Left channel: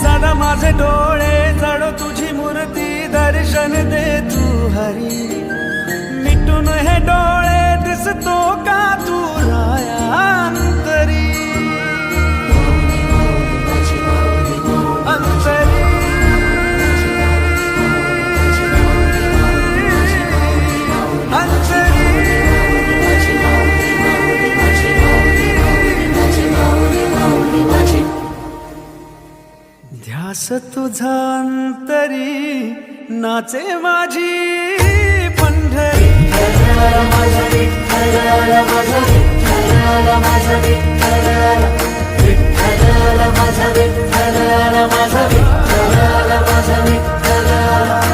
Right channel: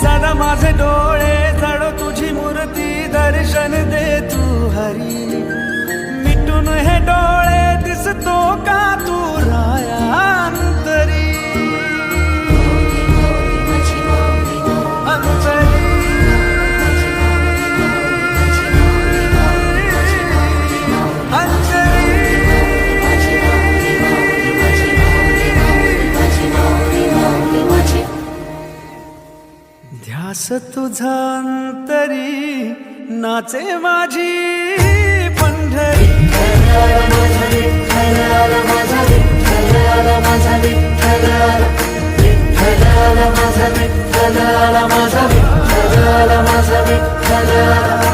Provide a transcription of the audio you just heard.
सदा माझे डोळे जळो तुझी मूर्ती दर्शन दे तू हरी मिटून हे डोळे दिसतो का तू राया अंतरी अंतरी अंतरी ध्यास तुझा अंतरी नाचे माझी पंढरी माझा विठ्ठल माझा विठ्ठल माझा विठ्ठल माझा विठ्ठल माझा विठ्ठल माझा विठ्ठल